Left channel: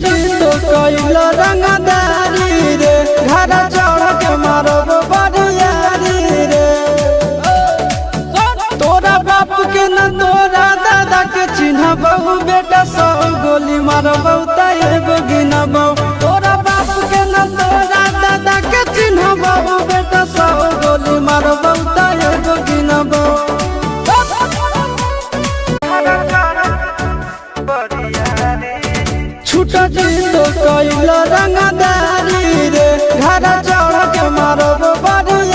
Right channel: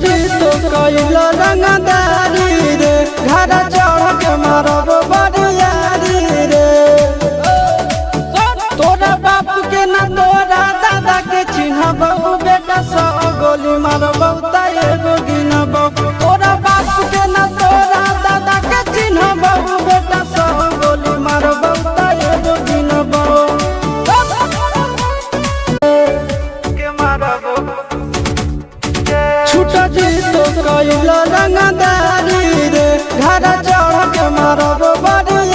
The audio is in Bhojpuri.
जी तो कैल रंगदारी रे घर चढ़ के मारब बरियारी रे। तोरा बाप के न तोरा दादा के चिन्हबहु बेटा सब गोली मारबहु तैगो गिनबहु। तोरा बाप के न तोरा दादा के चिन्हबहु बेटा सब गोली मारबहु तैगो गिनबहु। छूटा जी तो कैल रंगदारी रे घर चढ़ के मारब बरियारी